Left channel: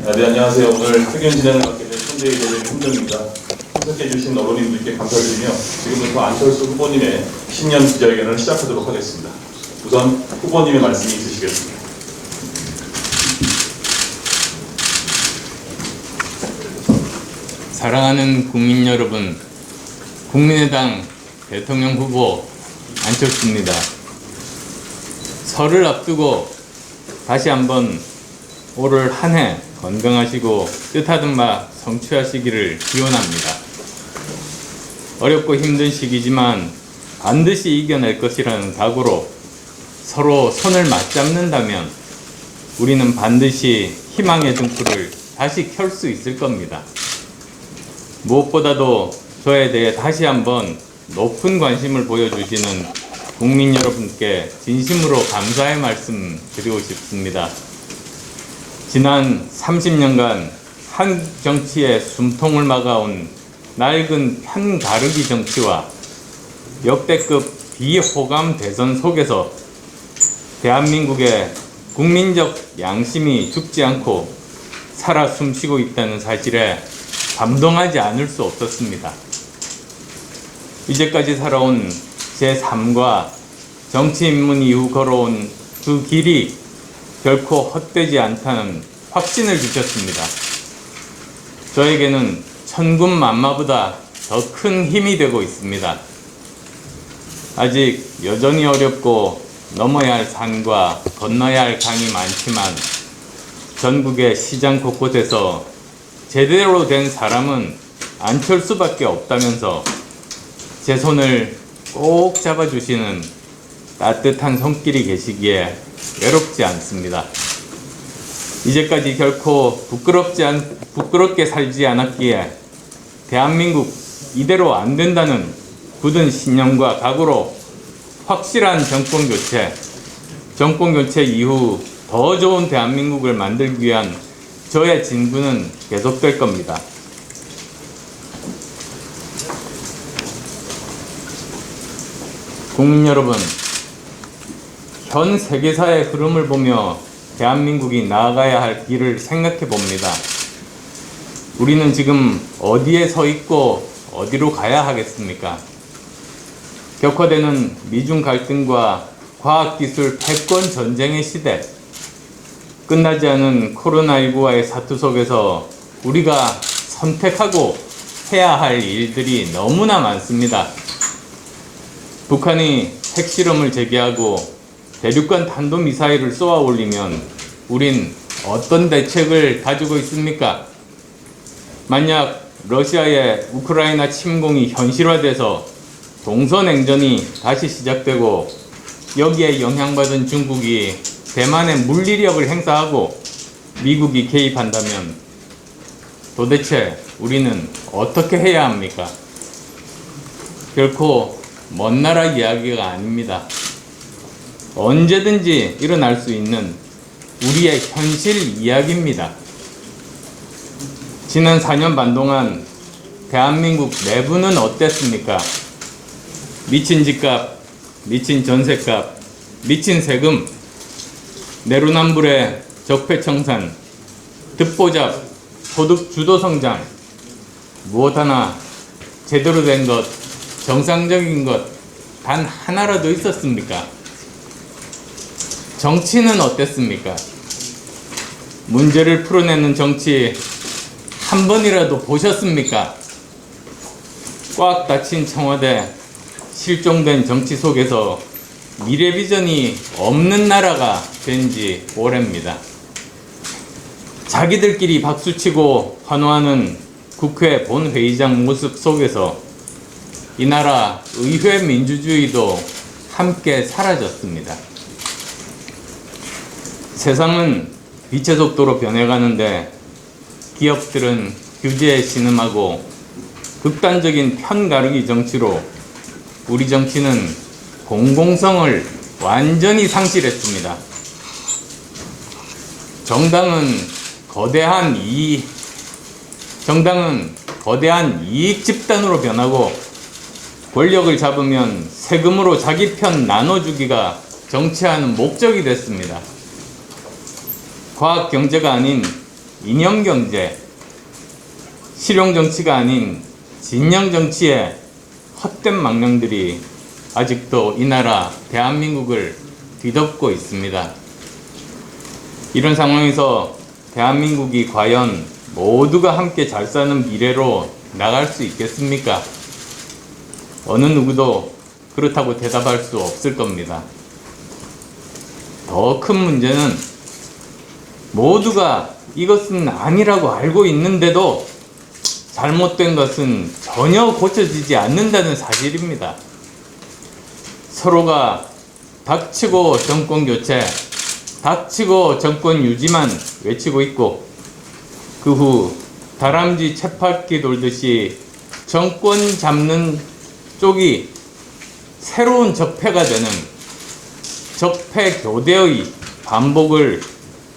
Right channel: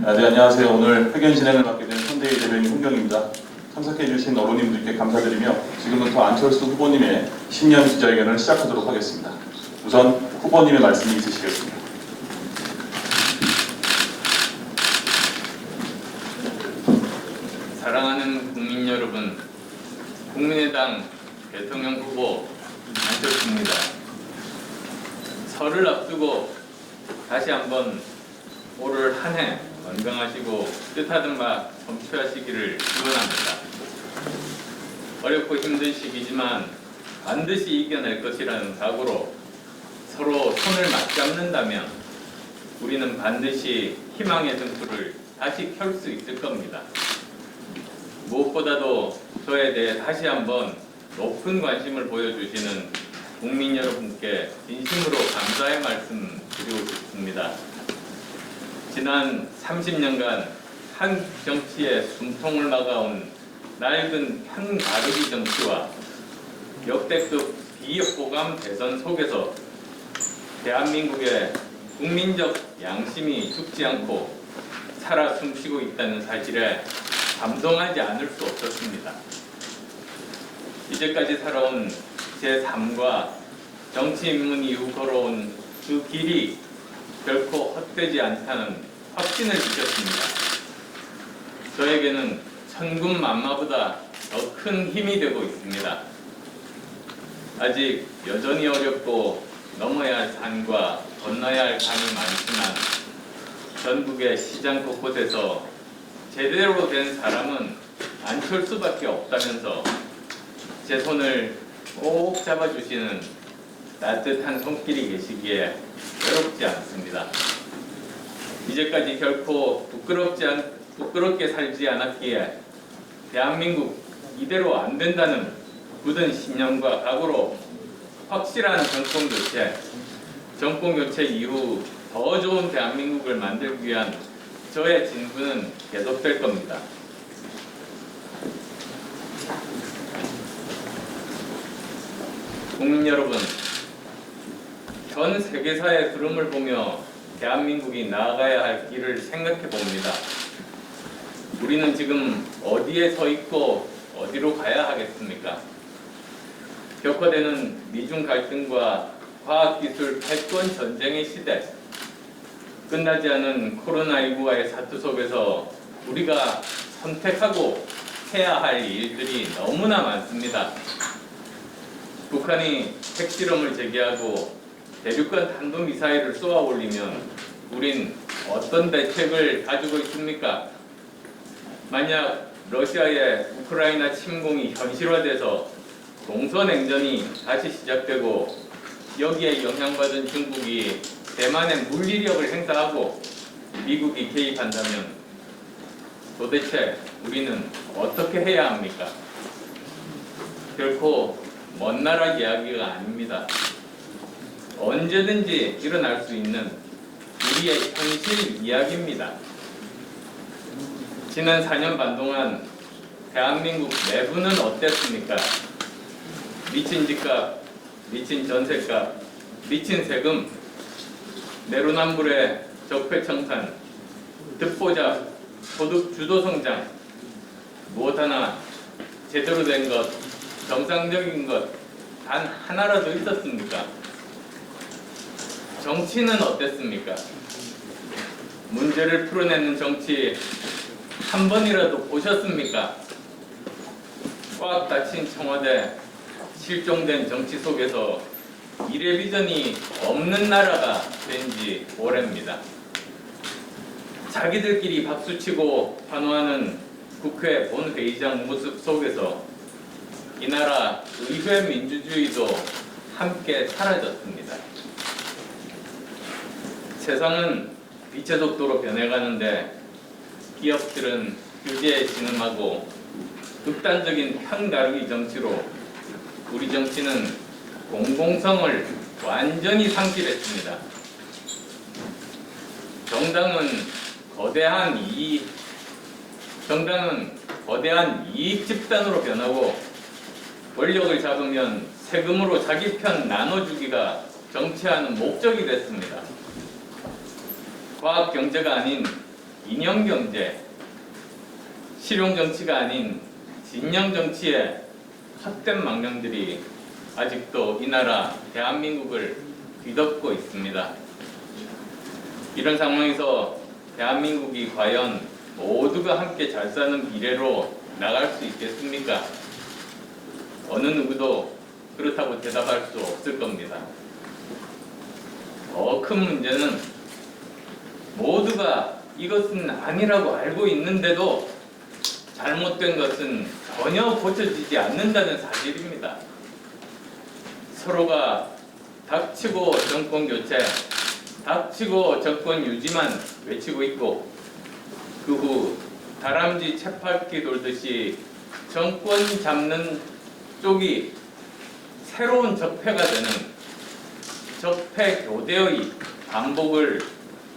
네, 안녕하세요. 오늘 회견 진행을 맡게 된 현대의 대변인 홍정입니다. 참석해주신 어머님들께 감사드리며 지금부터 안철수 후보님의 신년 기자회견을 시작하도록 하겠습니다. 우선 후보님의 말씀이 있으시겠습니다. 사랑하는 국민 여러분, 국민의당 대통령 후보 안철수입니다. 설을 앞두고 다시 한번 올 한 해 건강하시고 뜻하던 바 성취하시기를 기원합니다. 어렵고 힘든 시기지만 반드시 이겨낼 것이라는 각오로 서로 손을 맞잡는다면 우리는 반드시 희망의 등불을 다시 켤 수 있을 겁니다. 무엇보다도 저에 대해 다시 한번 높은 관심을 보여주시는 국민 여러분께 진심으로 감사의 말씀 드리고 싶습니다. 지난 30년간 한국 정치의 숨통을 막아온 낡은 편가르기 정치와 역대급 비호감 대선 속에서 대한민국의 국민적 양심이 죽지 않고 살아 숨쉬고 있다는 사실에 감동하지 않을 수 없었습니다. 이제까지 살아온 제 삶과 정치 입문 이후 걸어온 그 길이 결코 헛되지 않다는 확신을 주셨습니다. 저에게는 천군만마보다 더 큰 힘이 되고 있습니다. 아직 여전히 어렵고 넘어야 할 산과 건너야 할 강이 많지만 전국의 시장 곳곳에서 제대로 된 사람은 안철수밖에 없다면서 제 손을 꼭 잡아주시는 따뜻한 손길이 계시기에 외롭지 않습니다. 이제까지 결코 부끄럽게 살지 않았기에 대한민국 이대로 안 된다는 굳은 신념과 각오로 확실한 정권 교체 이후 더 좋은 대한민국을 만들기 위한 저의 진구는 계속될 겁니다. 국민 여러분, 현 세계사의 흐름을 보며 대한민국이 나아가야 할 길을 생각해 봅니다. 우리는 지금 어디에 서 있고 어디로 가야 하겠습니까? 격화되는 미중 갈등과 과학기술 패권 전쟁의 시대, 끝나지 않은 코로나19와의 사투 속에서 우리가 선택하고 해야 할 일들이 너무나 많습니다. 북한이 핵실험을 재개하고 대륙간 탄도미사일을 쏘아 올리면 우린 어떤 대책을 가지고 있습니까? 만약 러시아의 우크라이나 침공이 현실화돼서 동서냉전이 다시 시작되고 여기에 영향받은 중국이 대만에 물리력을 행사하고 미국이 개입한다면 도대체 우리는 어떻게 해야 합니까? 결코 먼 나라 이야기가 아닙니다. 언제든지 일어날 수 있는 우리의 현실 이야기입니다. 지난 4년 반 동안 대한민국 내부는 어땠습니까? 미친 집값, 미친 전셋값, 미친 세금, 내로남불의 적폐청산, 듣보잡, 소득 주도 성장, 무엇 하나 제대로 된 것, 정상적인 것 단 하나라도 있었습니까? 정치는 어땠습니까? 문제를 풀어내는 정치 한 번이라도 보셨습니까? 꽉 닫힌 청와대, 실종된 정치 속에서 미래 비전이 없는 나라가 된 지 오래입니다. 자기들끼리 박수치고 환호하는 국회 본회의장 모습 속에서 이 나라 의회 민주주의도 함께 사라졌습니다. 세상은 빛의 속도로 변해가는데 기업들은 규제에 신음하고 극단적인 편가르기 정치로 우리 정치는 공공성을 완전히 상실했습니다. 정당은 거대한 이익 집단으로 변하고 권력을 잡으면 세금으로 자기 편 나눠주기가 정치하는 목적이 됐습니다. 과학 경제가 아닌 이념경제, 실용정치가 아닌 진영정치의 헛된 망령들이 아직도 이 나라 대한민국을 뒤덮고 있습니다. 이런 상황에서 대한민국이 과연 모두가 함께 잘 사는 미래로 나갈 수 있겠습니까? 어느 누구도 그렇다고 대답할 수 없을 겁니다. 더 큰 문제는 모두가 이것은 아니라고 알고 있는데도 잘못된 것은 전혀 고쳐지지 않는다는 사실입니다. 서로가 닥치고 정권 교체, 닥치고 정권 유지만 외치고 있고 그 후 다람쥐 쳇바퀴 돌듯이 정권 잡는 쪽이 새로운 적폐가 되는 적폐 교대의 반복을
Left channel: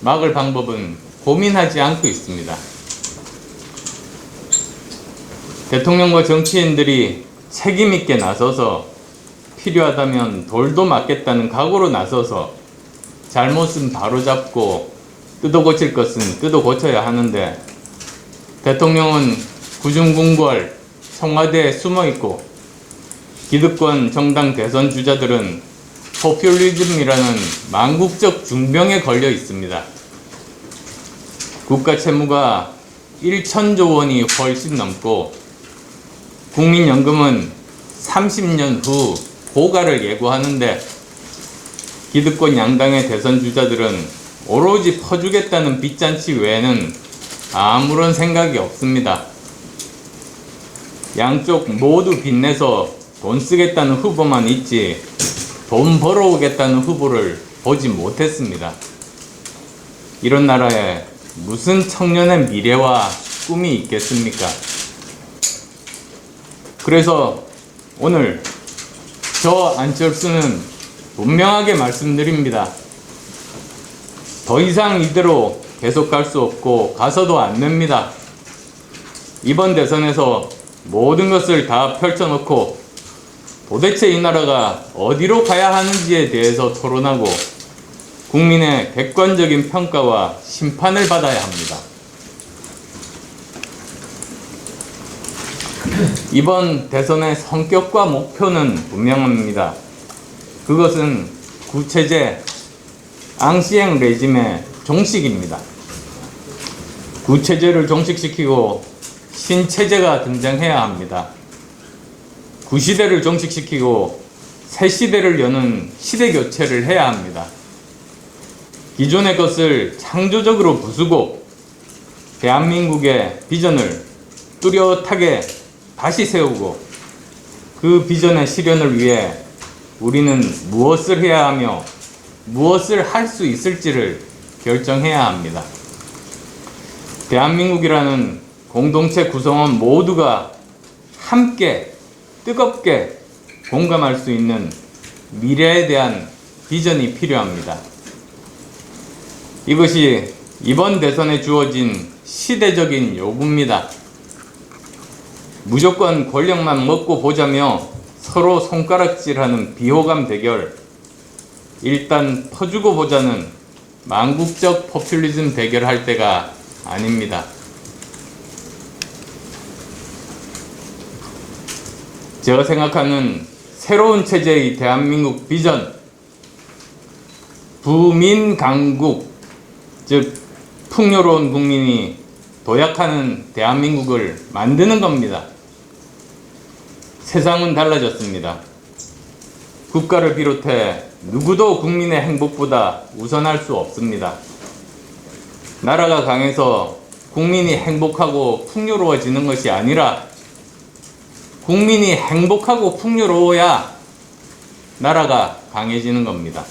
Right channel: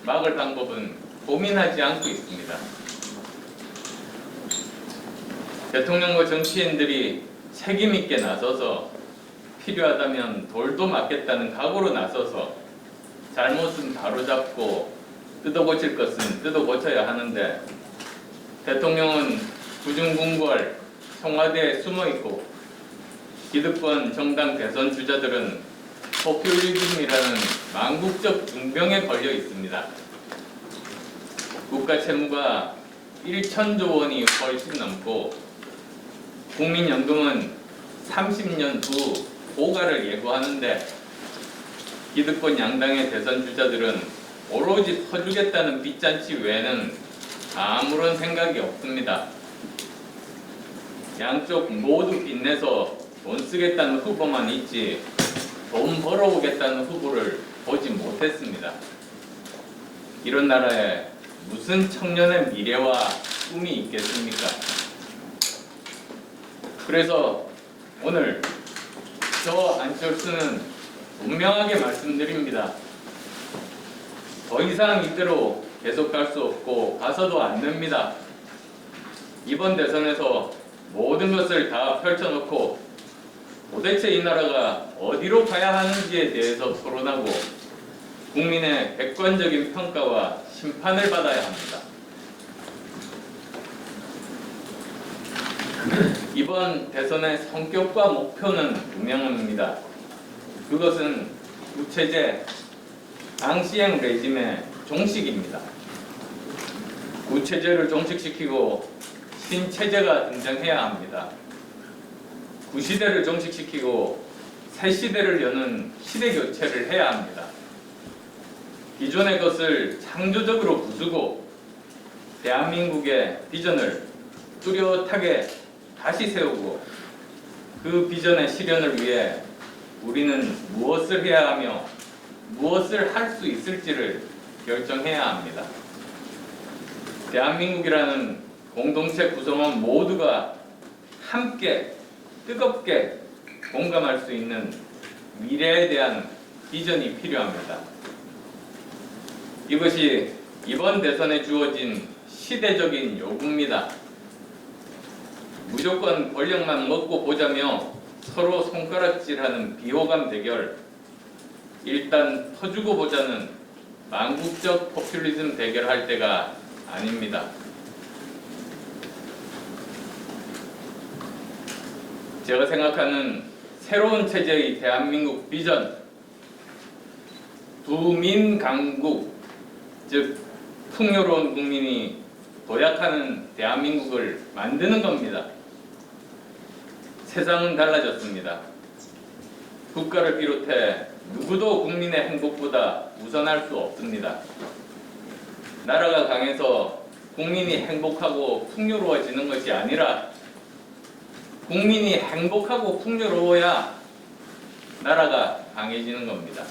막을 방법은 고민하지 않고 있습니다. 대통령과 정치인들이 책임있게 나서서 필요하다면 돌도 맞겠다는 각오로 나서서 잘못은 바로잡고 뜯어 고칠 것은 뜯어 고쳐야 하는데 대통령은 구중궁궐 청와대에 숨어있고 기득권 정당 대선 주자들은 포퓰리즘이라는 망국적 중병에 걸려 있습니다. 국가 채무가 1천조 원이 훨씬 넘고 국민연금은 30년 후 고갈을 예고하는데 기득권 양당의 대선 주자들은 오로지 퍼주겠다는 빚잔치 외에는 아무런 생각이 없습니다. 양쪽 모두 빚내서 돈 쓰겠다는 후보만 있지 돈 벌어오겠다는 후보를 보지 못했습니다. 이런 나라에 무슨 청년의 미래와 꿈이 있겠습니까? 그래서 오늘 저 안철수는 분명하게 말씀드립니다. 더 이상 이대로 계속 갈 수 없고 가서도 안 됩니다. 이번 대선에서 모든 것을 다 펼쳐놓고 도대체 이 나라가 어디로 가야 하는지에 대해서 토론하고 국민의 객관적인 평가와 심판을 받아야 합니다. 이번 대선의 성격과 목표는 분명합니다. 그것은 구체제, 앙시행 레짐의 종식입니다. 구체제를 종식시키고 신체제가 등장해야 합니다. 구시대를 종식시키고 새 시대를 여는 시대 교체를 해야 합니다. 기존의 것을 창조적으로 부수고 대한민국의 비전을 뚜렷하게 다시 세우고 그 비전의 실현을 위해 우리는 무엇을 해야 하며 무엇을 할 수 있을지를 결정해야 합니다. 대한민국이라는 공동체 구성원 모두가 함께 뜨겁게 공감할 수 있는 미래에 대한 비전이 필요합니다. 이것이 이번 대선에 주어진 시대적인 요구입니다. 무조건 권력만 먹고 보자며 서로 손가락질하는 비호감 대결, 일단 퍼주고 보자는 망국적 포퓰리즘 대결할 때가 아닙니다. 제가 생각하는 새로운 체제의 대한민국 비전, 부민강국, 즉 풍요로운 국민이 도약하는 대한민국을 만드는 겁니다. 세상은 달라졌습니다. 국가를 비롯해 누구도 국민의 행복보다 우선할 수 없습니다. 나라가 강해서 국민이 행복하고 풍요로워지는 것이 아니라 국민이 행복하고 풍요로워야 나라가 강해지는 겁니다.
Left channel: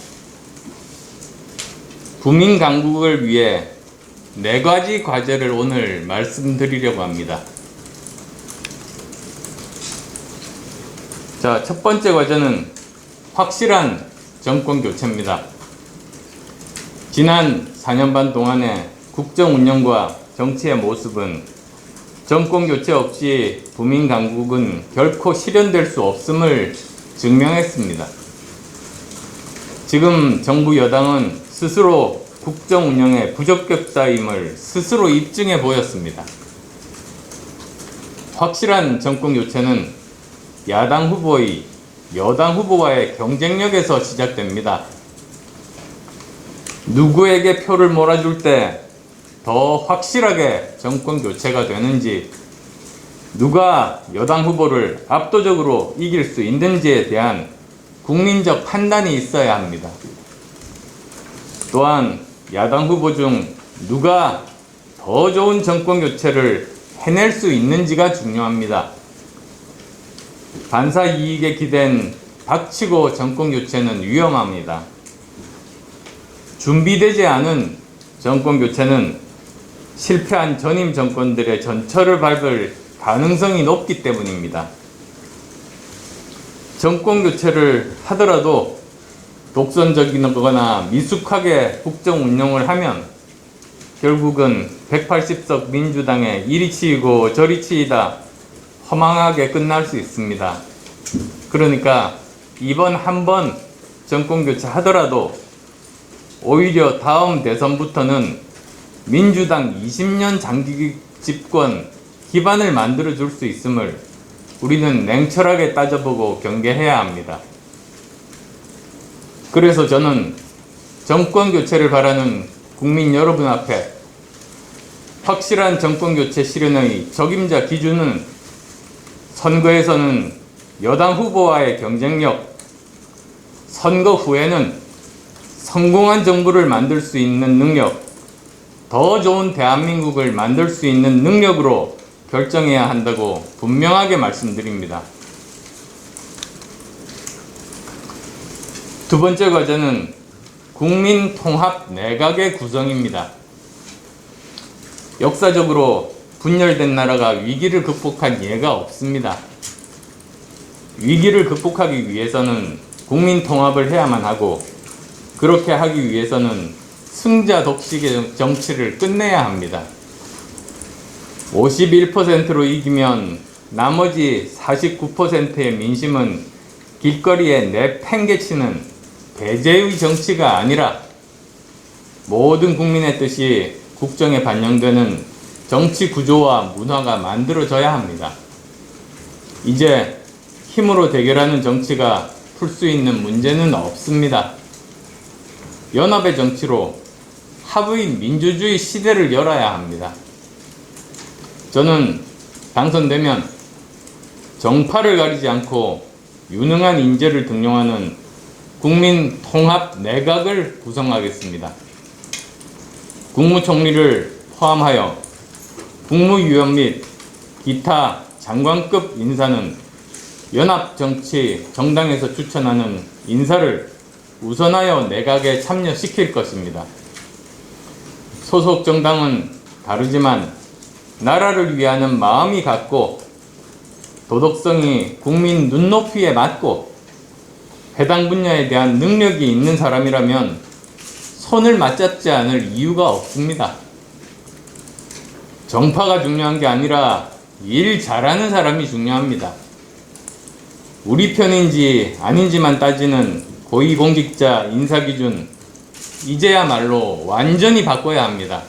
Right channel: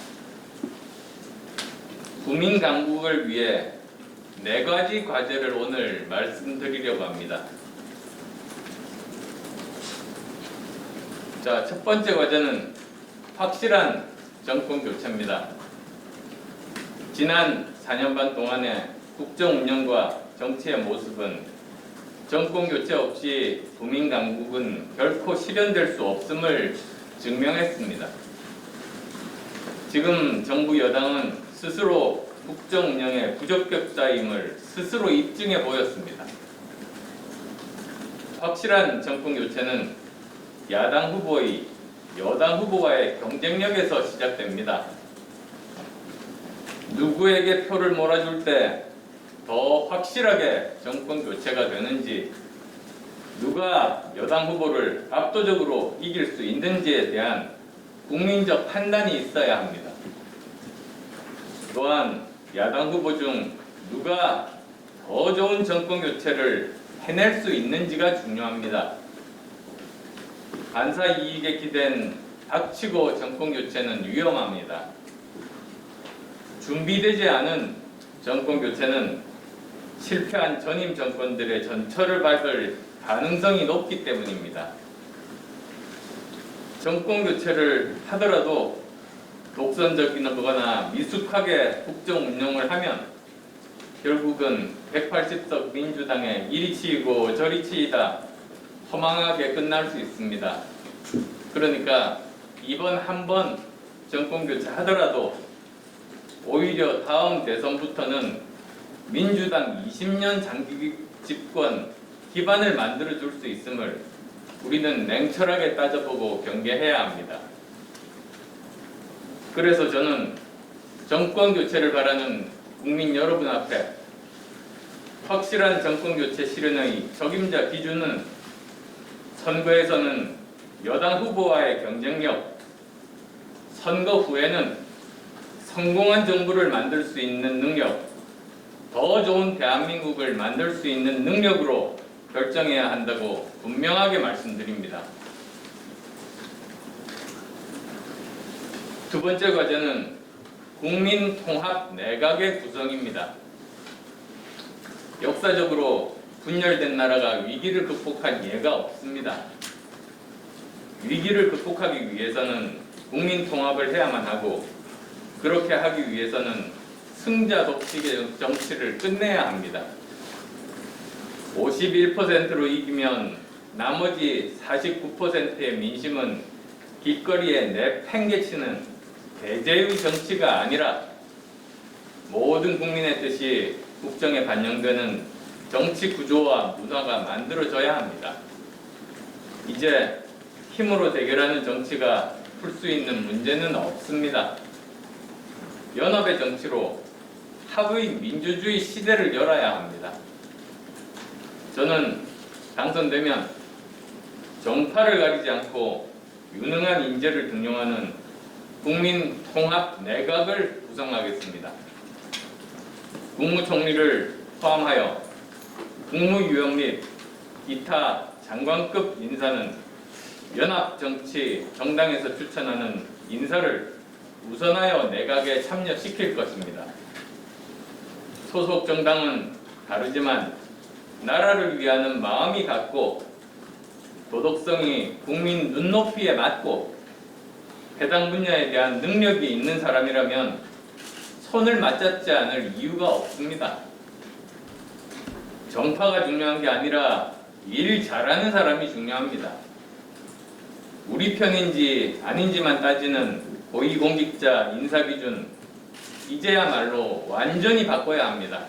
국민 강국을 위해 4가지 과제를 오늘 말씀드리려고 합니다. 자, 첫 번째 과제는 확실한 정권 교체입니다. 지난 4년 반 동안의 국정 운영과 정치의 모습은 정권 교체 없이 부민 강국은 결코 실현될 수 없음을 증명했습니다. 지금 정부 여당은 스스로 국정 운영의 부적격자임을 스스로 입증해 보였습니다. 확실한 정권 교체는 야당 후보의 여당 후보와의 경쟁력에서 시작됩니다. 누구에게 표를 몰아줄 때 더 확실하게 정권 교체가 되는지, 누가 여당 후보를 압도적으로 이길 수 있는지에 대한 국민적 판단이 있어야 합니다. 또한 야당 후보 중 누가 더 좋은 정권 교체를 해낼 수 있는지가 중요합니다. 반사 이익에 기댄 닥치고 정권 교체는 위험합니다. 준비되지 않은 정권 교체는 실패한 전임 정권들의 전철을 밟을 가능성이 높기 때문입니다. 정권 교체를 하더라도 독선적이거나 미숙하게 국정 운영을 하면 결국은 180석 민주당의 이리 치이고 저리 치이다 허망하게 끝날 수 있습니다. 그러니까 이번 한 번 정권 교체 하더라도 오히려 다음 대선부터는 민주당 20년 장기 집권 기반을 만들어 줄 수 있음을 우리는 냉철하게 따져보고 경계해야 합니다. 그래서 저는 정권 교체를 바라는 국민 여러분 앞에 확실한 정권 교체 실현의 적임자 기준은 선거에서는 여당 후보와의 경쟁력, 선거 후에는 성공한 정부를 만들 수 있는 능력, 더 좋은 대한민국을 만들 수 있는 능력으로 결정해야 한다고 분명하게 말씀드립니다. 두 번째 과제는 국민 통합 내각의 구성입니다. 역사적으로 분열된 나라가 위기를 극복한 예가 없습니다. 위기를 극복하기 위해서는 국민 통합을 해야만 하고, 그렇게 하기 위해서는 승자 독식의 정치를 끝내야 합니다. 51%로 이기면 나머지 49%의 민심은 길거리에 내팽개치는 배제의 정치가 아니라 모든 국민의 뜻이 국정에 반영되는 정치 구조와 문화가 만들어져야 합니다. 이제 힘으로 대결하는 정치가 풀 수 있는 문제는 없습니다. 연합의 정치로 합의 민주주의 시대를 열어야 합니다. 저는 당선되면 정파를 가리지 않고 유능한 인재를 등용하는 국민 통합 내각을 구성하겠습니다. 국무총리를 포함하여 국무위원 및 기타 장관급 인사는 연합정치 정당에서 추천하는 인사를 우선하여 내각에 참여시킬 것입니다. 소속 정당은 다르지만 나라를 위하는 마음이 같고 도덕성이 국민 눈높이에 맞고 해당 분야에 대한 능력이 있는 사람이라면 손을 맞잡지 않을 이유가 없습니다. 정파가 중요한 게 아니라 일 잘하는 사람이 중요합니다. 우리 편인지 아닌지만 따지는 고위공직자 인사기준, 이제야말로 완전히 바꿔야 합니다.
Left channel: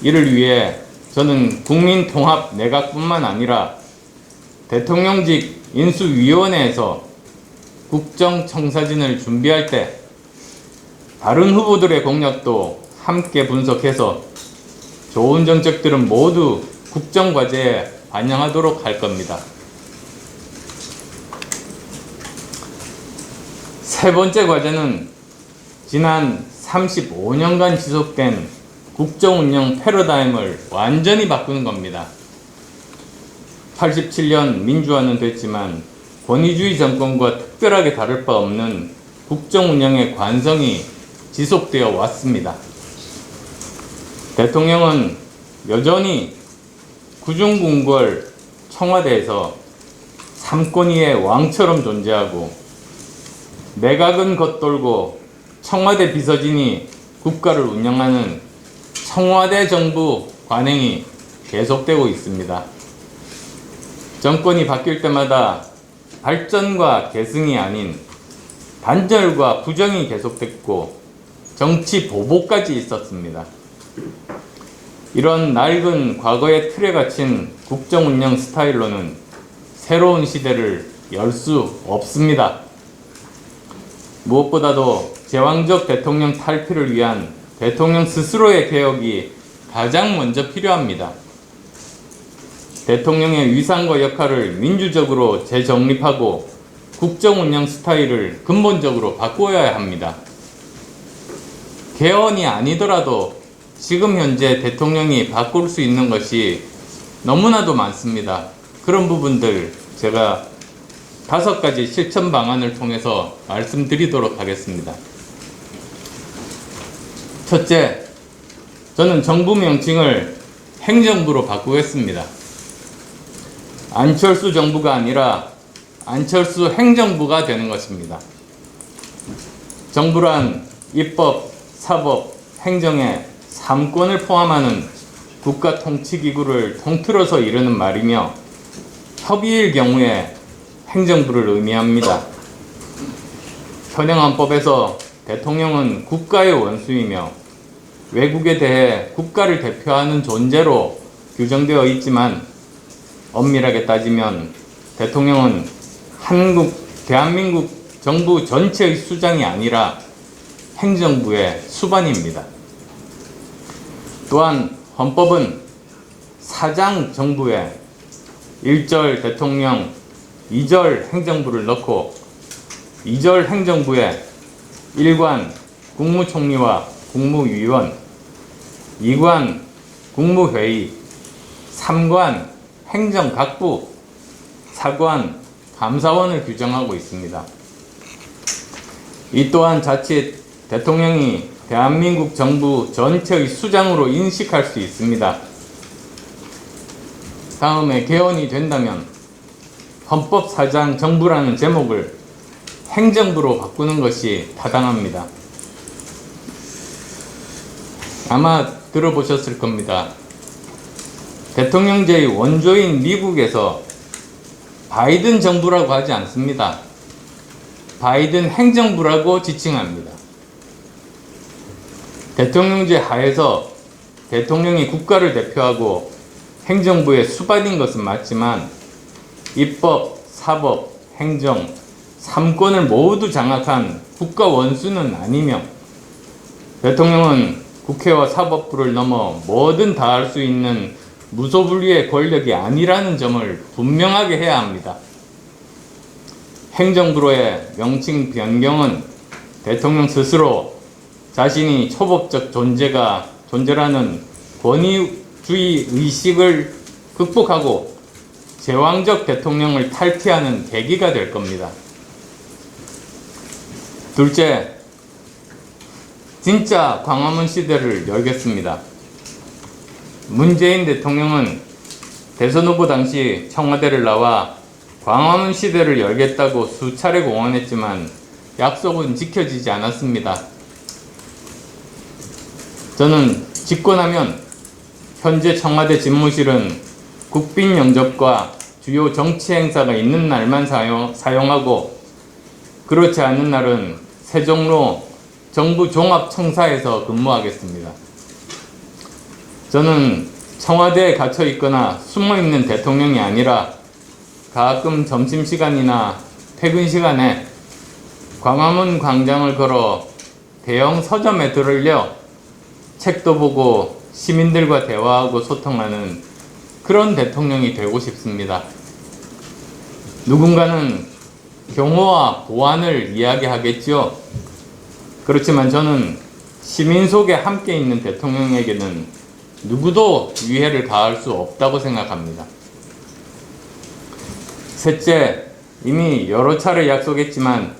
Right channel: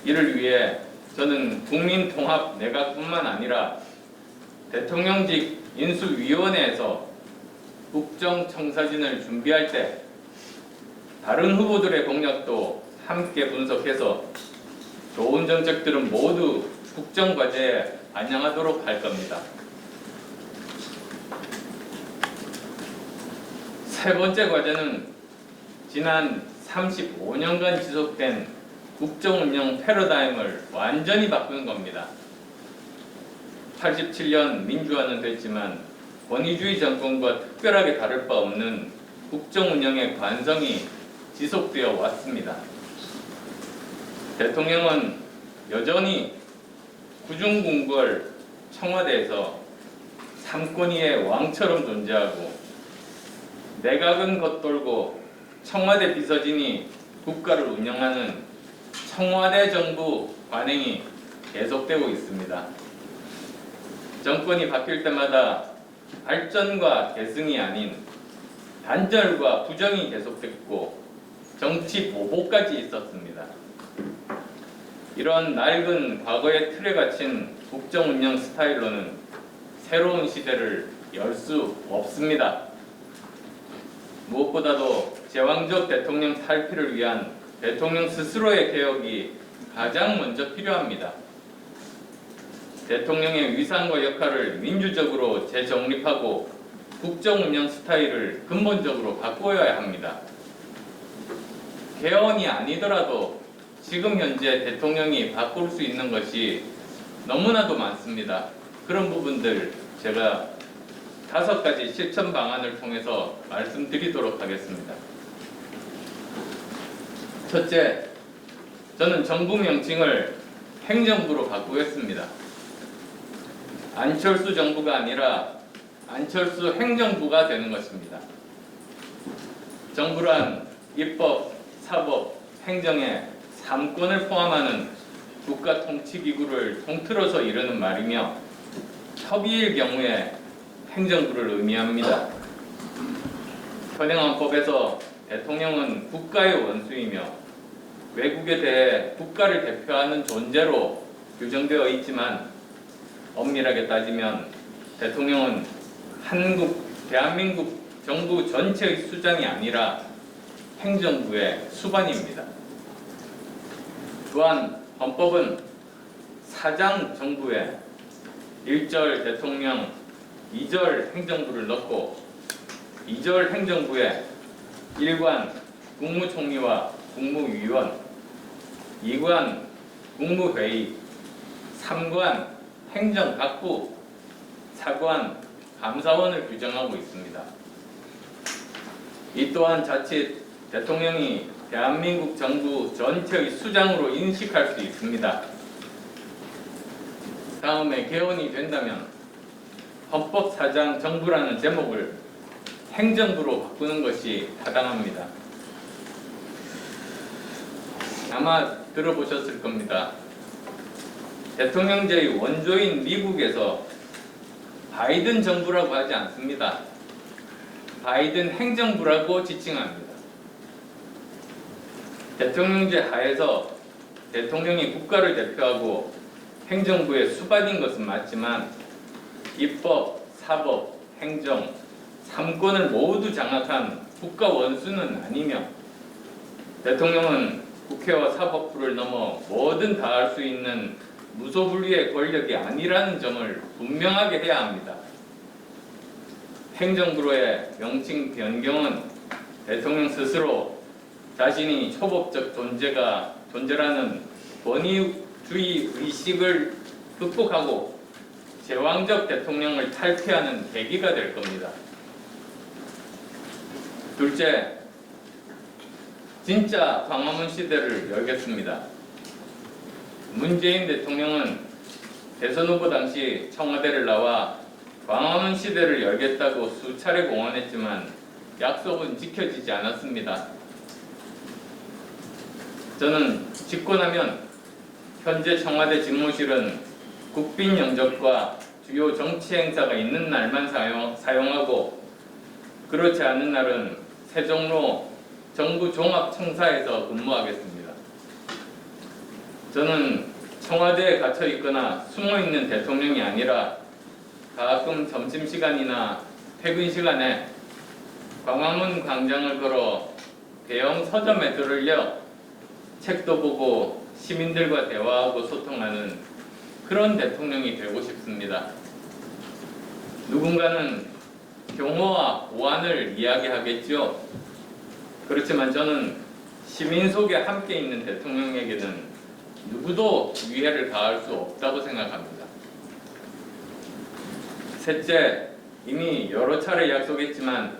이를 위해 저는 국민통합 내각뿐만 아니라 대통령직 인수위원회에서 국정청사진을 준비할 때 다른 후보들의 공약도 함께 분석해서 좋은 정책들은 모두 국정과제에 반영하도록 할 겁니다. 세 번째 과제는 지난 35년간 지속된 국정운영 패러다임을 완전히 바꾸는 겁니다. 87년 민주화는 됐지만 권위주의 정권과 특별하게 다를 바 없는 국정운영의 관성이 지속되어 왔습니다. 대통령은 여전히 구중궁궐 청와대에서 삼권위의 왕처럼 존재하고, 내각은 겉돌고 청와대 비서진이 국가를 운영하는 청와대 정부 관행이 계속되고 있습니다. 정권이 바뀔 때마다 발전과 계승이 아닌 단절과 부정이 계속됐고, 정치 보복까지 있었습니다. 이런 낡은 과거의 틀에 갇힌 국정 운영 스타일로는 새로운 시대를 열 수 없습니다. 무엇보다도 제왕적 대통령 탈피를 위한 대통령 스스로의 개혁이 가장 먼저 필요합니다. 대통령의 위상과 역할을 민주적으로 재정립하고 국정 운영 스타일을 근본적으로 바꾸어야 합니다. 개헌이 아니더라도 지금 현재 대통령이 바꿀 수 있는 것이 너무나도 많습니다. 그런 부분들 제가 5가지 실천 방안을 통해서 말씀드리도록 하겠습니다. 첫째, 저는 정부 명칭을 행정부로 바꾸겠습니다. 안철수 정부가 아니라 안철수 행정부가 되는 것입니다. 정부란 입법, 사법, 행정의 3권을 포함하는 국가 통치기구를 통틀어서 이르는 말이며 협의일 경우에 행정부를 의미합니다. 현행헌법에서 대통령은 국가의 원수이며 외국에 대해 국가를 대표하는 존재로 규정되어 있지만 엄밀하게 따지면 대통령은 대한민국 정부 전체의 수장이 아니라 행정부의 수반입니다. 또한 헌법은 사장 정부에 1절 대통령, 2절 행정부를 넣고 2절 행정부에 1관 국무총리와 국무위원, 2관 국무회의, 3관 행정각부, 4관 감사원을 규정하고 있습니다. 이 또한 자칫 대통령이 대한민국 정부 전체의 수장으로 인식할 수 있습니다. 다음에 개헌이 된다면 헌법사장 정부라는 제목을 행정부로 바꾸는 것이 타당합니다. 아마 들어보셨을 겁니다. 대통령제의 원조인 미국에서 바이든 정부라고 하지 않습니다. 바이든 행정부라고 지칭합니다. 대통령제 하에서 대통령이 국가를 대표하고 행정부의 수반인 것은 맞지만 입법, 사법, 행정 3권을 모두 장악한 국가 원수는 아니며 대통령은 국회와 사법부를 넘어 뭐든 다 할 수 있는 무소불위의 권력이 아니라는 점을 분명하게 해야 합니다. 행정부로의 명칭 변경은 대통령 스스로 자신이 초법적 존재라는 권위주의 의식을 극복하고 제왕적 대통령을 탈피하는 계기가 될 겁니다. 둘째, 진짜 광화문 시대를 열겠습니다. 문재인 대통령은 대선 후보 당시 청와대를 나와 광화문 시대를 열겠다고 수차례 공언했지만 약속은 지켜지지 않았습니다. 저는 집권하면 현재 청와대 집무실은 국빈 영접과 주요 정치 행사가 있는 날만 사용하고 그렇지 않은 날은 세종로 정부 종합청사에서 근무하겠습니다. 저는 청와대에 갇혀 있거나 숨어 있는 대통령이 아니라 가끔 점심시간이나 퇴근 시간에 광화문 광장을 걸어 대형 서점에 들으려 책도 보고 시민들과 대화하고 소통하는 그런 대통령이 되고 싶습니다. 누군가는 경호와 보안을 이야기하겠지요. 그렇지만 저는 시민 속에 함께 있는 대통령에게는 누구도 위해를 가할 수 없다고 생각합니다. 셋째, 이미 여러 차례 약속했지만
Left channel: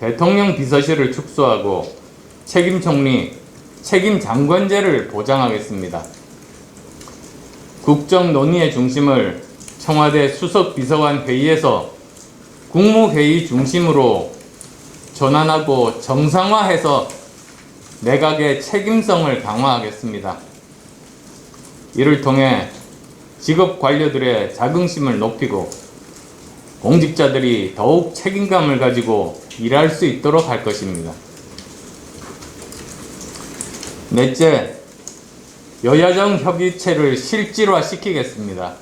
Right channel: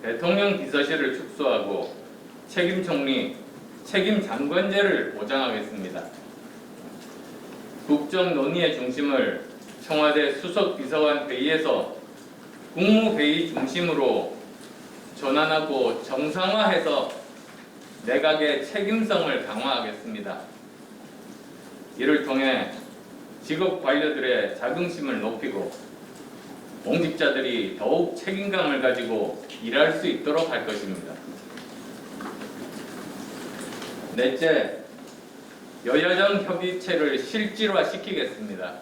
대통령 비서실을 축소하고 책임 총리, 책임 장관제를 보장하겠습니다. 국정 논의의 중심을 청와대 수석 비서관 회의에서 국무회의 중심으로 전환하고 정상화해서 내각의 책임성을 강화하겠습니다. 이를 통해 직업 관료들의 자긍심을 높이고 공직자들이 더욱 책임감을 가지고 일할 수 있도록 할 것입니다. 넷째, 여야정 협의체를 실질화시키겠습니다.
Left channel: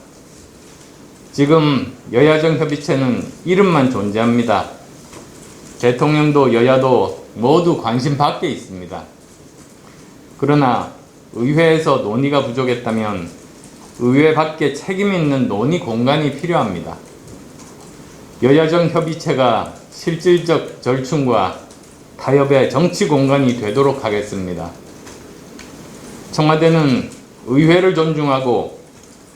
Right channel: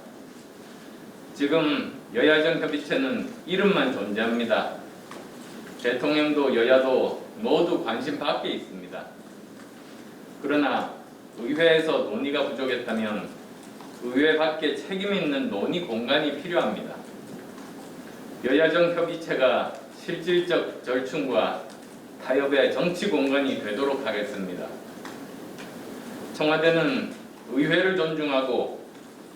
지금 여야정 협의체는 이름만 존재합니다. 대통령도 여야도 모두 관심 밖에 있습니다. 그러나 의회에서 논의가 부족했다면 의회 밖에 책임 있는 논의 공간이 필요합니다. 여야정 협의체가 실질적 절충과 타협의 정치 공간이 되도록 하겠습니다. 청와대는 의회를 존중하고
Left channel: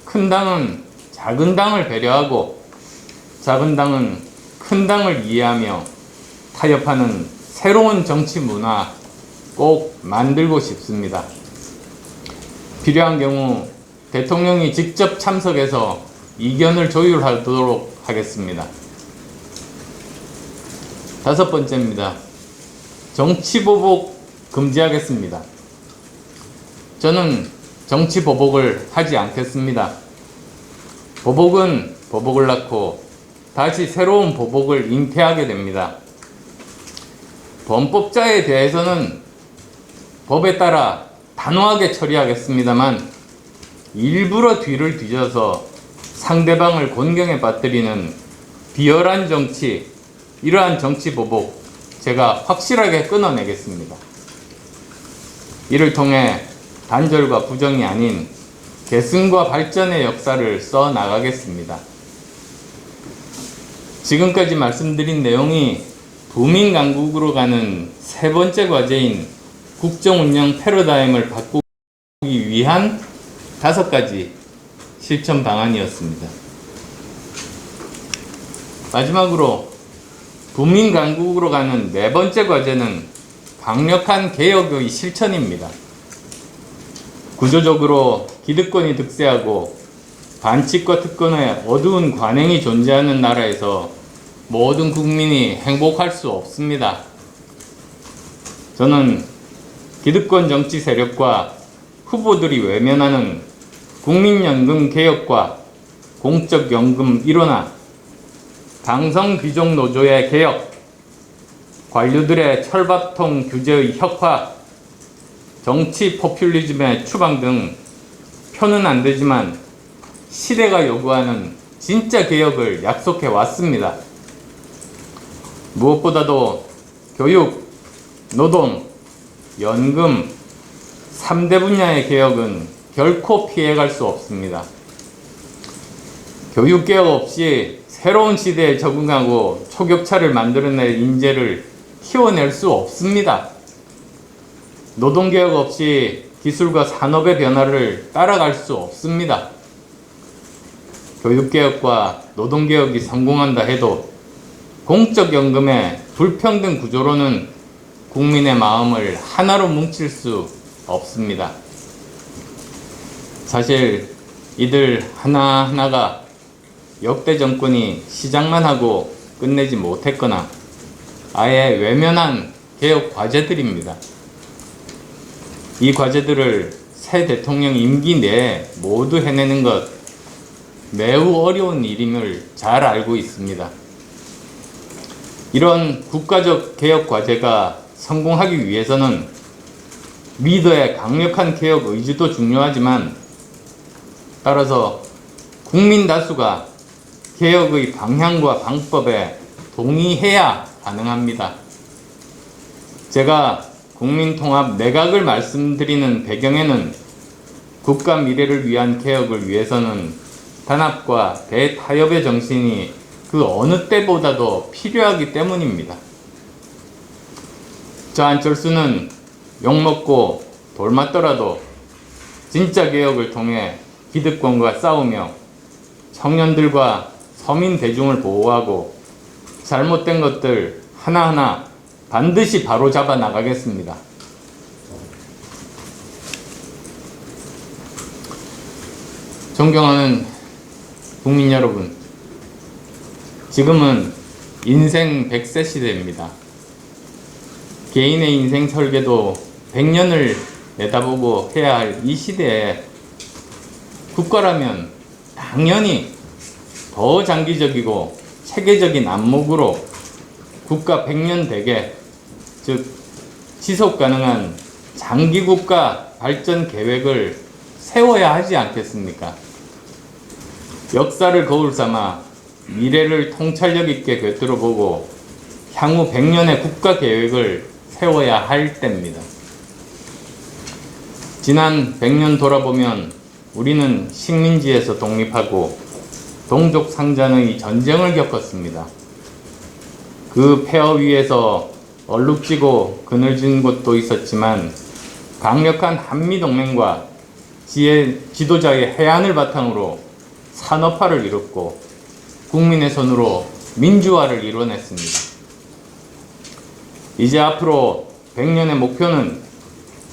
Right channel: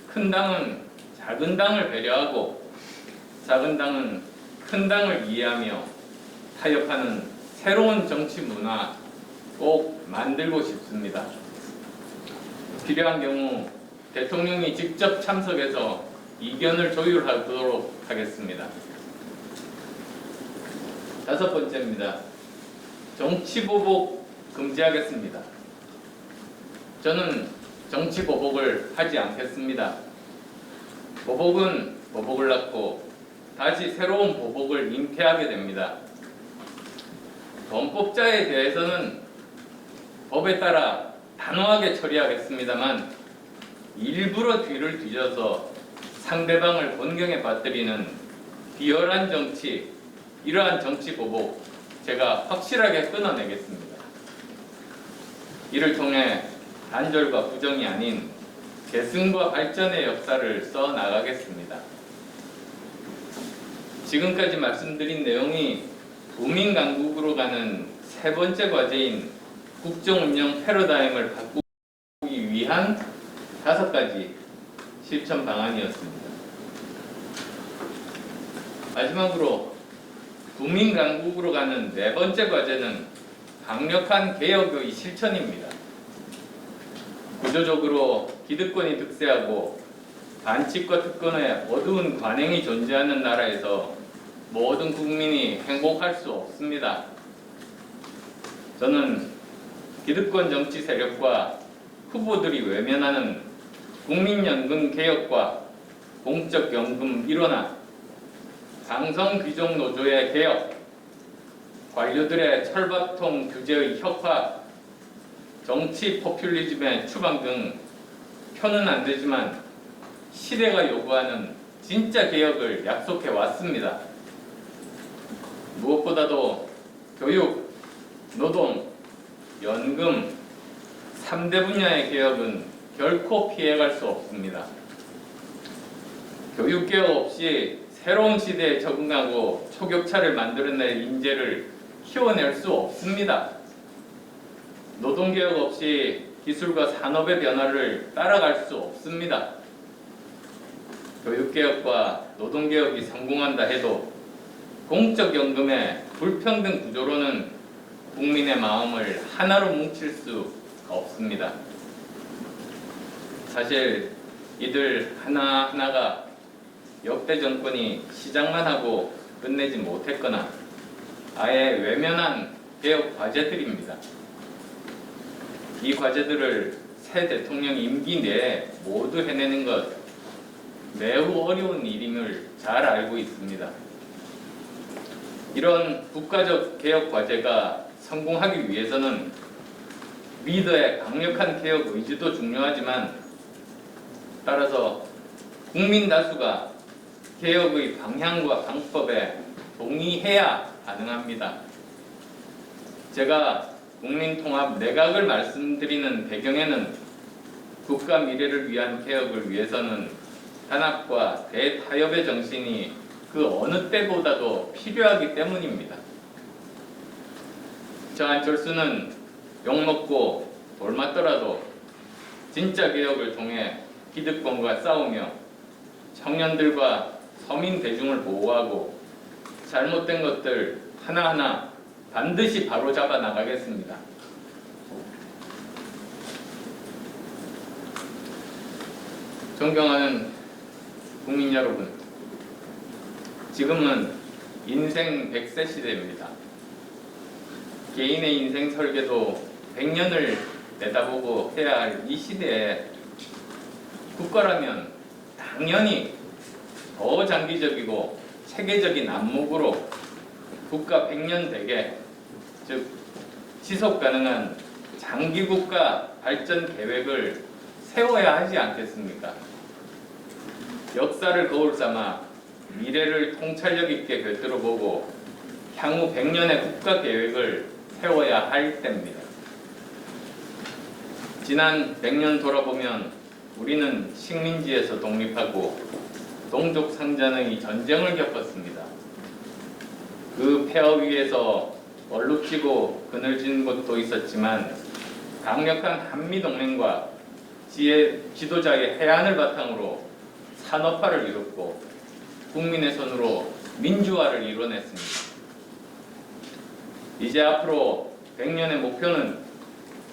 큰 당은 작은 당을 배려하고 작은 당은 큰 당을 이해하며 타협하는 새로운 정치 문화 꼭 만들고 싶습니다. 필요한 경우 대통령이 직접 참석해서 이견을 조율하도록 하겠습니다. 다섯 번째입니다. 정치보복 금지하겠습니다. 저는 정치보복을 하지 않겠습니다. 보복은 보복을 낳고 다시 새로운 보복을 잉태하게 됩니다. 범법자에 대해서는 법에 따라 단호하게 처리하겠습니다만 일부러 뒤를 뒤져서 상대방을 곤경에 빠뜨리는 비열한 정치, 이러한 정치 보복 제가 확실하게 끊어내겠습니다. 이를 통해 단절과 부정이 아닌 계승과 발전의 역사를 써 나가겠습니다. 지금까지 말씀드린 내용이 부민 강국으로 가는 세 번째 과제인 국정운영 패러다임을 바꾸기 위한 5가지 실천 방안이었습니다. 마지막으로 부민 강국으로 가는 네 번째 과제는 강력한 개혁의 실천입니다. 구조적으로 기득권이 득세하고 반칙과 특권의 어두운 관행이 존재하는 나라에서 모든 국민이 행복할 수 없습니다. 저는 기득권 정치 세력과 후보들이 외면하는 국민연금 개혁과 공적연금 일원화, 강성귀족 노조의 개혁, 관료들의 철밥통 규제의 혁파, 정치 포퓰리즘의 추방 등 표는 안 되지만 시대가 요구하는 진짜 개혁을 약속해 왔습니다. 무엇보다도 교육, 노동, 연금 3대 분야의 개혁은 결코 피해갈 수 없습니다. 교육개혁 없이 새로운 시대에 적응하고 초격차를 만들어낼 인재를 키워낼 수 없습니다. 노동개혁 없이 기술과 산업의 변화를 따라갈 수 없습니다. 교육개혁과 노동개혁이 성공한다 해도 공적연금의 불평등 구조로는 국민의 마음을 하나로 뭉칠 수 없습니다. 사실 이들 하나하나가 역대 정권이 시작만 하고 끝내지 못했거나 아예 외면한 개혁 과제들입니다. 이 과제들을 새 대통령 임기 내에 모두 해내는 것 매우 어려운 일임을 잘 알고 있습니다. 이런 국가적 개혁 과제가 성공하기 위해서는 리더의 강력한 개혁 의지도 중요하지만 따라서 국민 다수가 개혁의 방향과 방법에 동의해야 가능합니다. 제가 국민통합 내각을 말씀드리는 배경에는 국가 미래를 위한 개혁을 위해서는 단합과 대타협의 정신이 그 어느 때보다도 필요하기 때문입니다. 저 안철수는 욕먹고 돌맞더라도 진짜 개혁을 통해 기득권과 싸우며 청년들과 서민 대중을 보호하고 잘못된 것들 하나하나 반드시 바로잡아 나가겠습니다. 존경하는 국민 여러분, 지금은 인생 100세 시대입니다. 개인의 인생 설계도 100년을 내다보고 해야 할 이 시대에 국가라면 당연히 더 장기적이고 체계적인 안목으로 국가 100년 대계, 즉 지속 가능한 장기 국가 발전 계획을 세워야 하지 않겠습니까? 역사를 거울 삼아 미래를 통찰력 있게 꿰뚫어보고 향후 100년의 국가 계획을 세워야 할 때입니다. 지난 100년 돌아보면 우리는 식민지에서 독립하고 동족 상잔의 전쟁을 겪었습니다. 그 폐허 위에서 얼룩지고 그늘진 곳도 있었지만 강력한 한미동맹과 지도자의 해안을 바탕으로 산업화를 이뤘고 국민의 손으로 민주화를 이뤄냈습니다. 이제 앞으로 100년의 목표는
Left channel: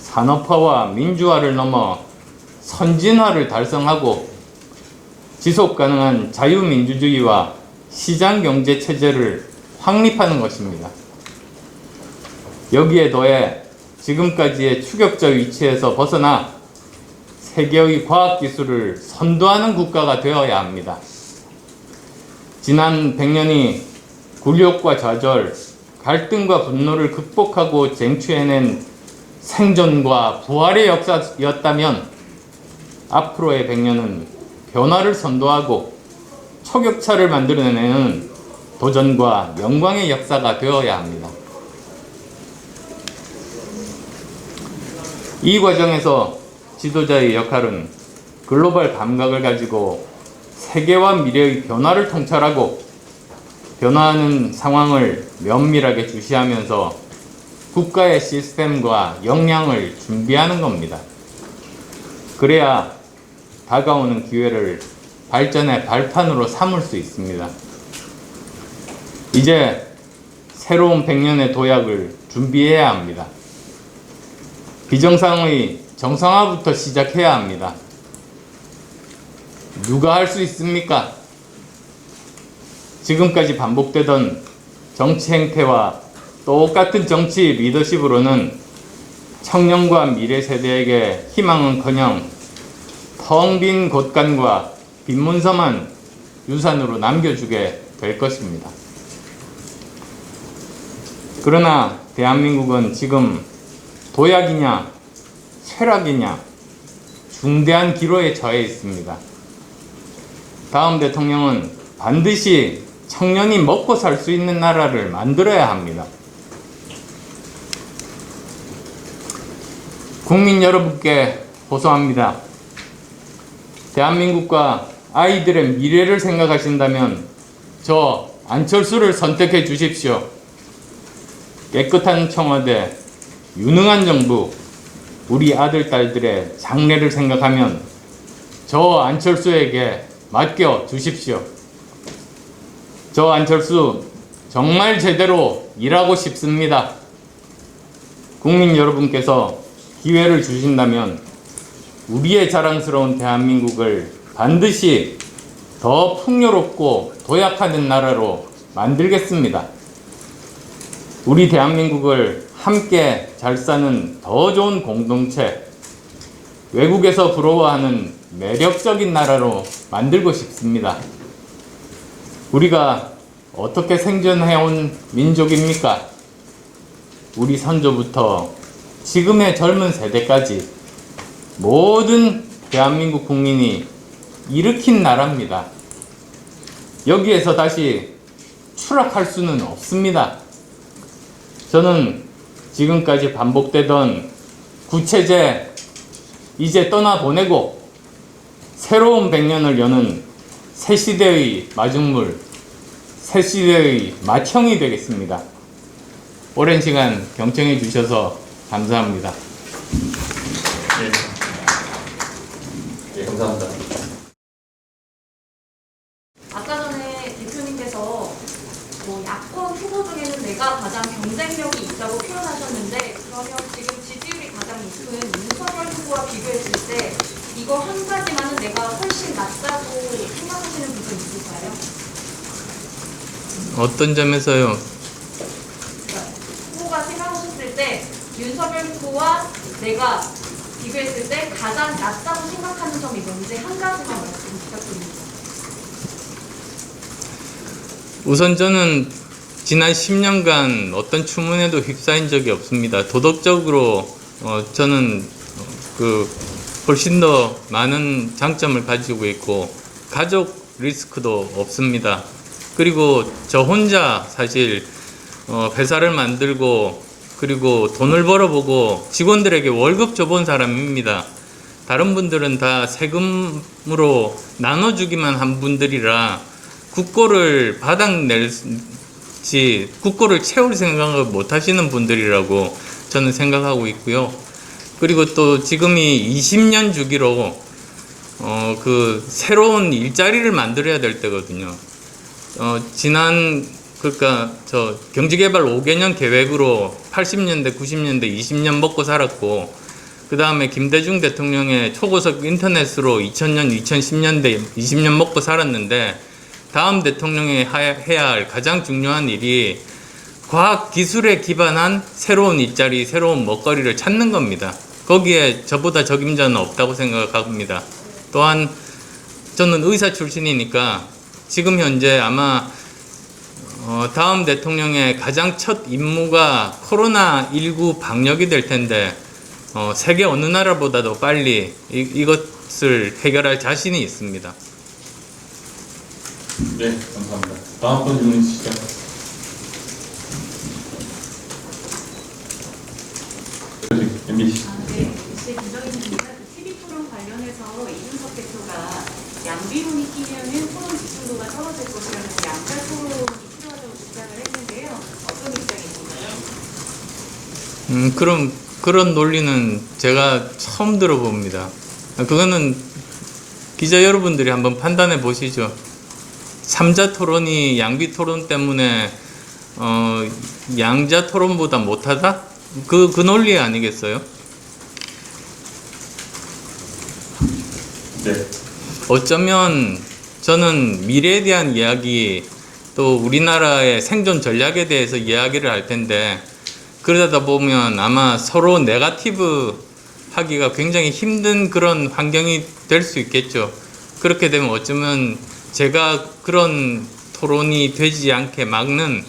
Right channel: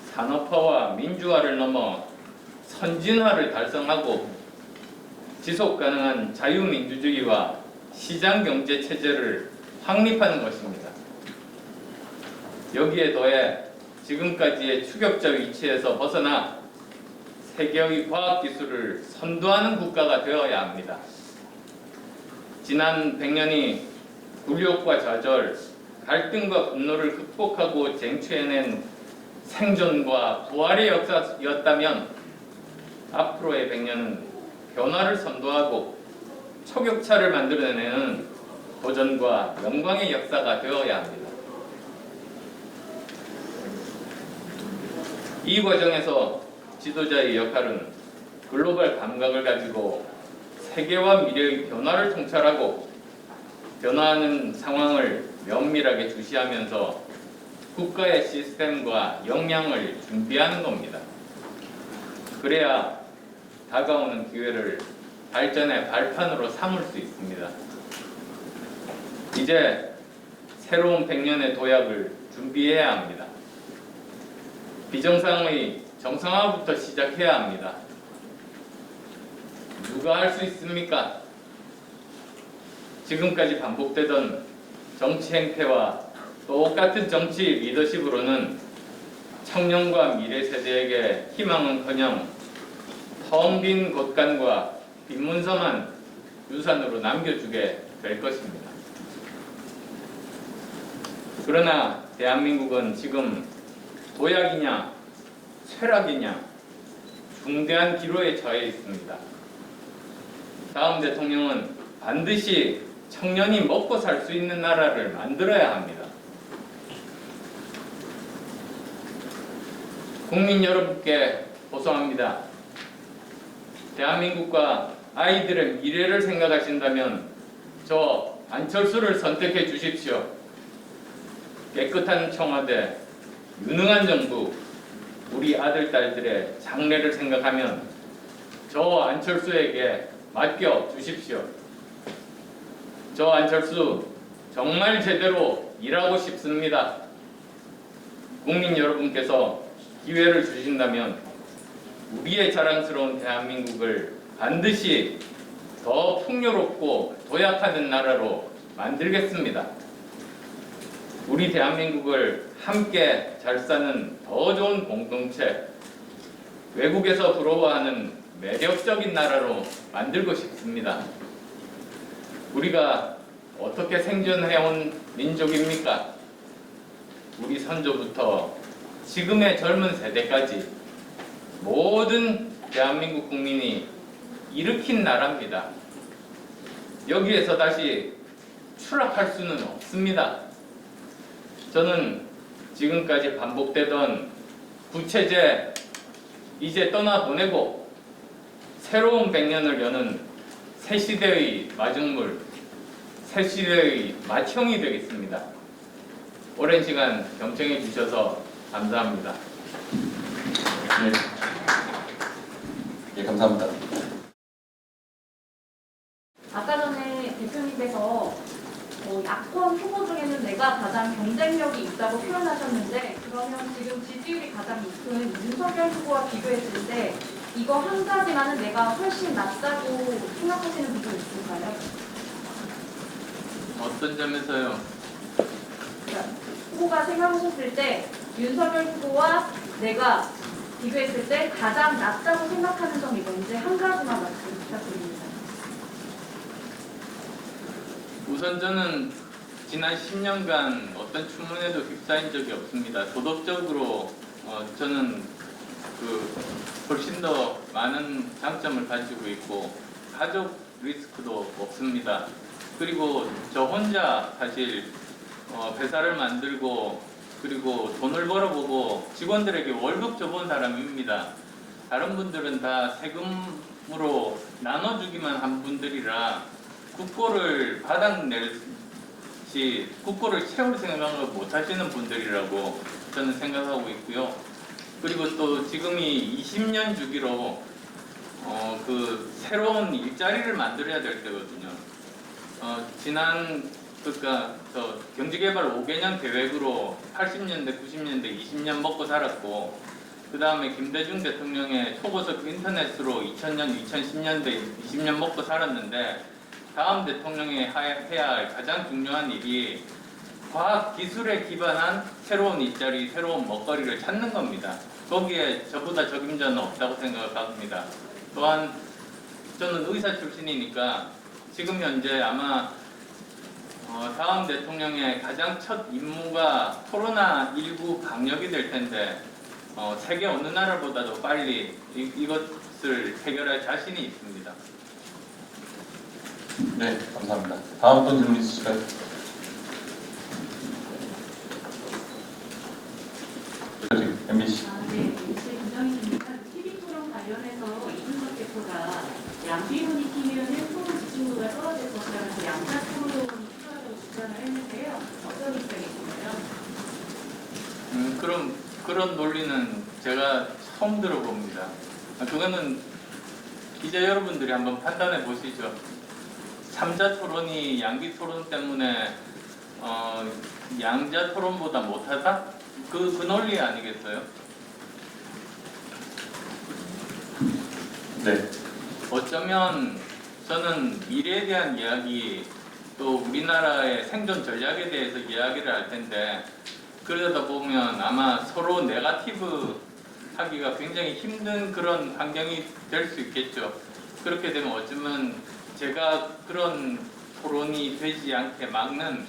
산업화와 민주화를 넘어 선진화를 달성하고 지속가능한 자유민주주의와 시장경제 체제를 확립하는 것입니다. 여기에 더해 지금까지의 추격자 위치에서 벗어나 세계의 과학기술을 선도하는 국가가 되어야 합니다. 지난 100년이 굴욕과 좌절, 갈등과 분노를 극복하고 쟁취해낸 생존과 부활의 역사였다면 앞으로의 100년은 변화를 선도하고 초격차를 만들어내는 도전과 영광의 역사가 되어야 합니다. 이 과정에서 지도자의 역할은 글로벌 감각을 가지고 세계와 미래의 변화를 통찰하고 변화하는 상황을 면밀하게 주시하면서 국가의 시스템과 역량을 준비하는 겁니다. 그래야 다가오는 기회를 발전의 발판으로 삼을 수 있습니다. 이제 새로운 100년의 도약을 준비해야 합니다. 비정상의 정상화부터 시작해야 합니다. 누가 할 수 있습니까? 지금까지 반복되던 정치 행태와 똑같은 정치 리더십으로는 청년과 미래 세대에게 희망은커녕 텅 빈 곳간과 빈문서만 유산으로 남겨주게 될 것입니다. 그러나 대한민국은 지금 도약이냐 쇠락이냐 중대한 기로에 처해 있습니다. 다음 대통령은 반드시 청년이 먹고 살 수 있는 나라를 만들어야 합니다. 국민 여러분께 호소합니다. 대한민국과 아이들의 미래를 생각하신다면 저 안철수를 선택해 주십시오. 깨끗한 청와대, 유능한 정부, 우리 아들, 딸들의 장래를 생각하면 저 안철수에게 맡겨 주십시오. 저 안철수 정말 제대로 일하고 싶습니다. 국민 여러분께서 기회를 주신다면 우리의 자랑스러운 대한민국을 반드시 더 풍요롭고 도약하는 나라로 만들겠습니다. 우리 대한민국을 함께 잘 사는 더 좋은 공동체, 외국에서 부러워하는 매력적인 나라로 만들고 싶습니다. 우리가 어떻게 생존해온 민족입니까? 우리 선조부터 지금의 젊은 세대까지 모든 대한민국 국민이 일으킨 나라입니다. 여기에서 다시 추락할 수는 없습니다. 저는 지금까지 반복되던 구체제 이제 떠나보내고 새로운 100년을 여는 새 시대의 마중물, 새 시대의 맏형이 되겠습니다. 오랜 시간 경청해 주셔서 감사합니다. 예, 감사합니다. 아까 전에 대표님께서 야권 후보 중에는 내가 가장 경쟁력이 있다고 표현하셨는데, 그러면 지금 지지율이 가장 높은 윤석열 후보와 비교했을 때 이거 한 가지만은 내가 훨씬 낫다고 생각하시는 부분 있으세요? 어떤 점에서요? 그러니까 후보가 생각하셨을 때 윤석열 후보와 내가 비교했을 때 가장 낫다고 생각하는 점이 뭔지 한 가지만 말씀 부탁드립니다. 우선 저는 지난 10년간 어떤 추문에도 휩싸인 적이 없습니다. 도덕적으로 저는 훨씬 더 많은 장점을 가지고 있고 가족 리스크도 없습니다. 그리고 저 혼자 사실 회사를 만들고 그리고 돈을 벌어보고 직원들에게 월급 줘본 사람입니다. 다른 분들은 다 세금으로 나눠주기만 한 분들이라 국고를 바닥낼지 국고를 채울 생각을 못 하시는 분들이라고 저는 생각하고 있고요. 그리고 또 지금이 20년 주기로 새로운 일자리를 만들어야 될 때거든요. 그러니까 저 경제개발 5개년 계획으로 80년대, 90년대 20년 먹고 살았고, 그 다음에 김대중 대통령의 초고속 인터넷으로 2000년, 2010년대 20년 먹고 살았는데, 다음 대통령이 해야 할 가장 중요한 일이 과학 기술에 기반한 새로운 일자리, 새로운 먹거리를 찾는 겁니다. 거기에 저보다 적임자는 없다고 생각합니다. 또한 저는 의사 출신이니까 지금 현재 아마 다음 대통령의 가장 첫 임무가 코로나19 방역이 될 텐데 세계 어느 나라보다도 빨리 이것을 해결할 자신이 있습니다. 네, 감사합니다. 다음 분 질문 있으실까요? MBC. 네, MBC 김정희입니다. TV 토론 관련해서 이준석 대표가 양비론이 끼면은 토론 집중도가 떨어질 것이라면서 양자 토론이 필요하다고 주장을 했는데요. 어떤 입장이신가요? 그런 논리는 제가 처음 들어봅니다. 그거는 기자 여러분들이 한번 판단해 보시죠. 3자 토론이 양비 토론 때문에 양자 토론보다 못하다? 그 논리 아니겠어요? 네. 어쩌면 저는 미래에 대한 이야기 또 우리나라의 생존 전략에 대해서 이야기를 할 텐데 그러다 보면 아마 서로 네거티브 하기가 굉장히 힘든 그런 환경이 될 수 있겠죠. 그렇게 되면 어쩌면 제가 그런 토론이 되지 않게 막는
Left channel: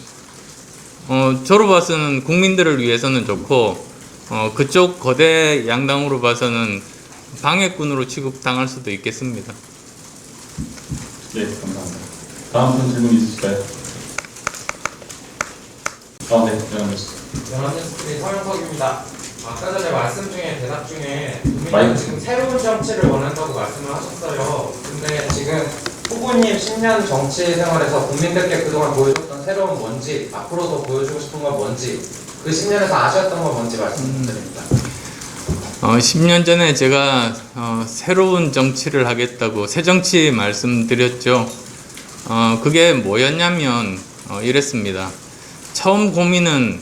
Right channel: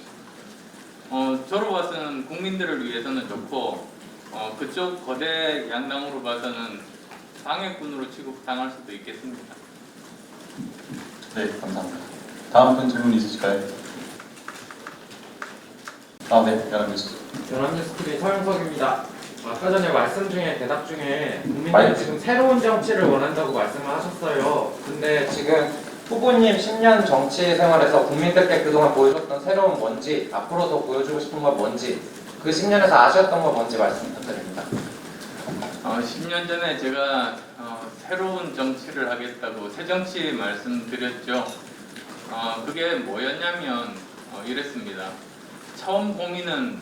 저로 봐서는 국민들을 위해서는 좋고 그쪽 거대 양당으로 봐서는 방해꾼으로 취급당할 수도 있겠습니다. 네, 감사합니다. 다음 분 질문 있으실까요? 네, 연합뉴스. 연합뉴스TV 서영석입니다. 아까 전에 말씀 중에 대답 중에 국민들은 마이크. 지금 새로운 정치를 원한다고 말씀을 하셨어요. 근데 지금 후보님 10년 정치 생활에서 국민들께 그동안 보여줬던 새로운 뭔지, 앞으로도 보여주고 싶은 건 뭔지, 그 10년에서 아쉬웠던 건 뭔지 말씀 부탁드립니다. 10년 전에 제가 새로운 정치를 하겠다고 새 정치 말씀드렸죠. 그게 뭐였냐면 이랬습니다. 처음 고민은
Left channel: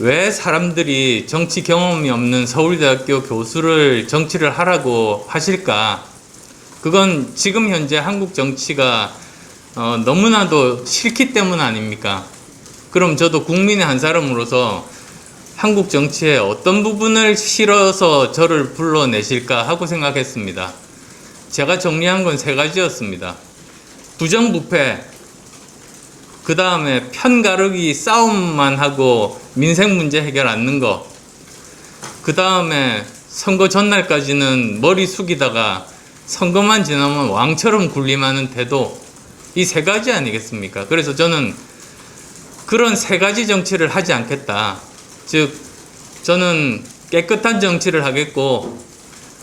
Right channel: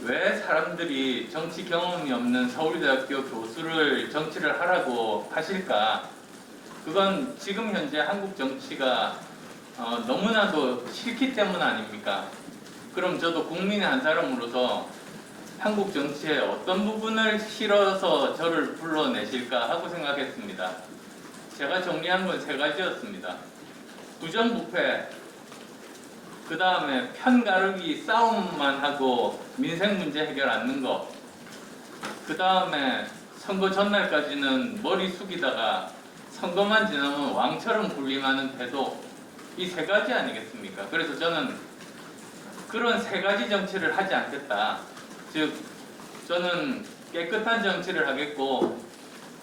왜 사람들이 정치 경험이 없는 서울대학교 교수를 정치를 하라고 하실까? 그건 지금 현재 한국 정치가 너무나도 싫기 때문 아닙니까? 그럼 저도 국민의 한 사람으로서 한국 정치의 어떤 부분을 싫어서 저를 불러내실까 하고 생각했습니다. 제가 정리한 건 세 가지였습니다. 부정부패, 그 다음에 편가르기 싸움만 하고 민생 문제 해결 않는 거, 그 다음에 선거 전날까지는 머리 숙이다가 선거만 지나면 왕처럼 군림하는 태도, 이 세 가지 아니겠습니까? 그래서 저는 그런 세 가지 정치를 하지 않겠다. 즉 저는 깨끗한 정치를 하겠고,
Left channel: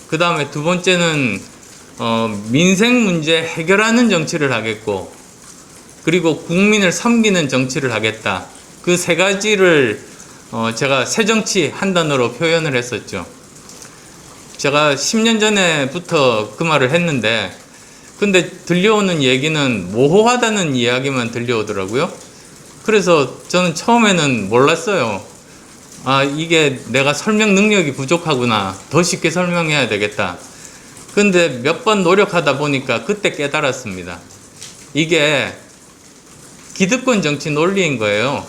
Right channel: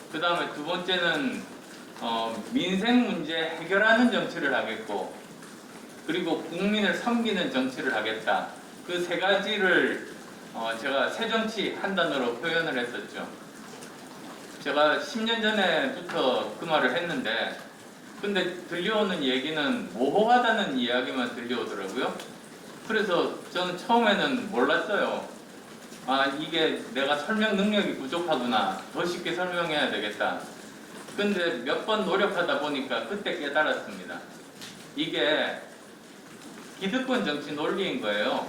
그 다음에 두 번째는 민생 문제 해결하는 정치를 하겠고, 그리고 국민을 섬기는 정치를 하겠다. 그 세 가지를 제가 새 정치 한 단어로 표현을 했었죠. 제가 10년 전에부터 그 말을 했는데, 근데 들려오는 얘기는 모호하다는 이야기만 들려오더라고요. 그래서 저는 처음에는 몰랐어요. 아, 이게 내가 설명 능력이 부족하구나. 더 쉽게 설명해야 되겠다. 근데 몇 번 노력하다 보니까 그때 깨달았습니다. 이게 기득권 정치 논리인 거예요.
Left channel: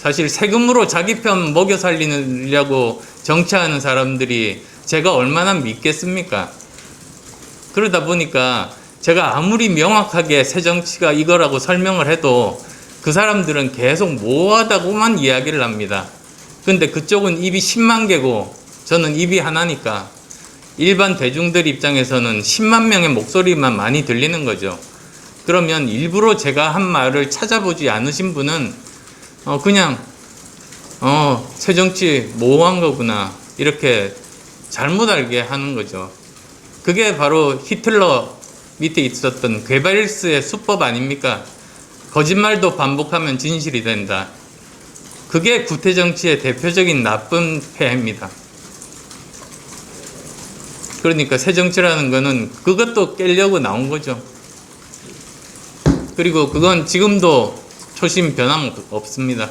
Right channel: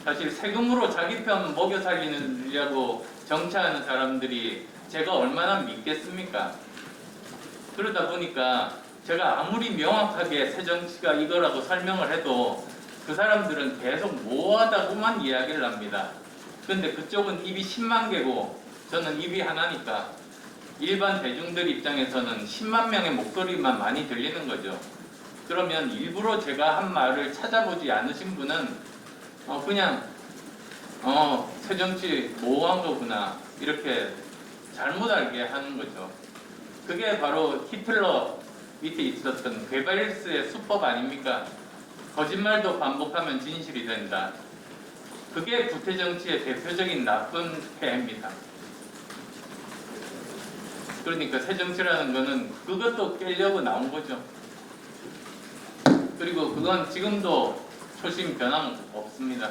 사실 세금으로 자기 편 먹여 살리려고 정치하는 사람들이 제가 얼마나 믿겠습니까? 그러다 보니까 제가 아무리 명확하게 새 정치가 이거라고 설명을 해도 그 사람들은 계속 모호하다고만 이야기를 합니다. 근데 그쪽은 입이 10만 개고 저는 입이 하나니까 일반 대중들 입장에서는 10만 명의 목소리만 많이 들리는 거죠. 그러면 일부러 제가 한 말을 찾아보지 않으신 분은 그냥 새정치 모호한 거구나 이렇게 잘못 알게 하는 거죠. 그게 바로 히틀러 밑에 있었던 괴벨스의 수법 아닙니까? 거짓말도 반복하면 진실이 된다. 그게 구태정치의 대표적인 나쁜 폐해입니다. 그러니까 새정치라는 거는 그것도 깨려고 나온 거죠. 그리고 그건 지금도 초심 변함 없습니다.